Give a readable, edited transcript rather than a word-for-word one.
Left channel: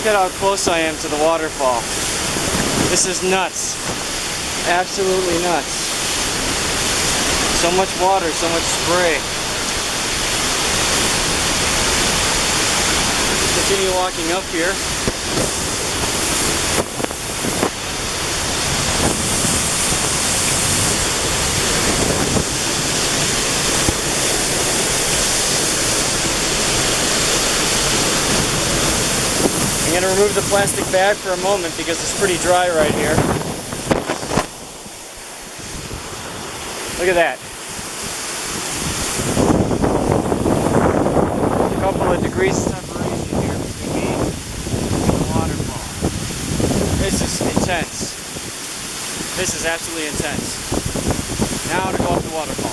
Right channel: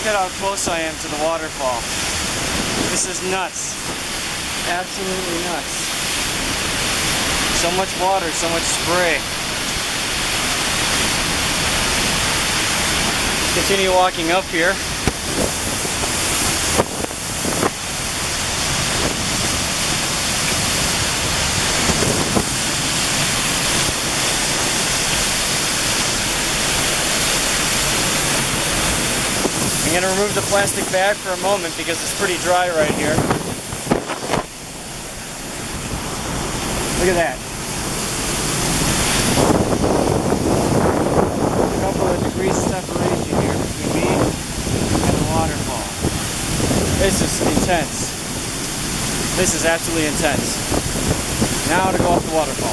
Look at how close I am to the waterfall. This is nuts. Absolutely nuts. So much water, so much spray. Continue walking up here. I'm going to remove the plastic bag for a moment because it's pretty dry right here. Look at that. A couple of degrees of separation here between me and the waterfall. This is intense. This is absolutely intense. Now to go up the waterfall.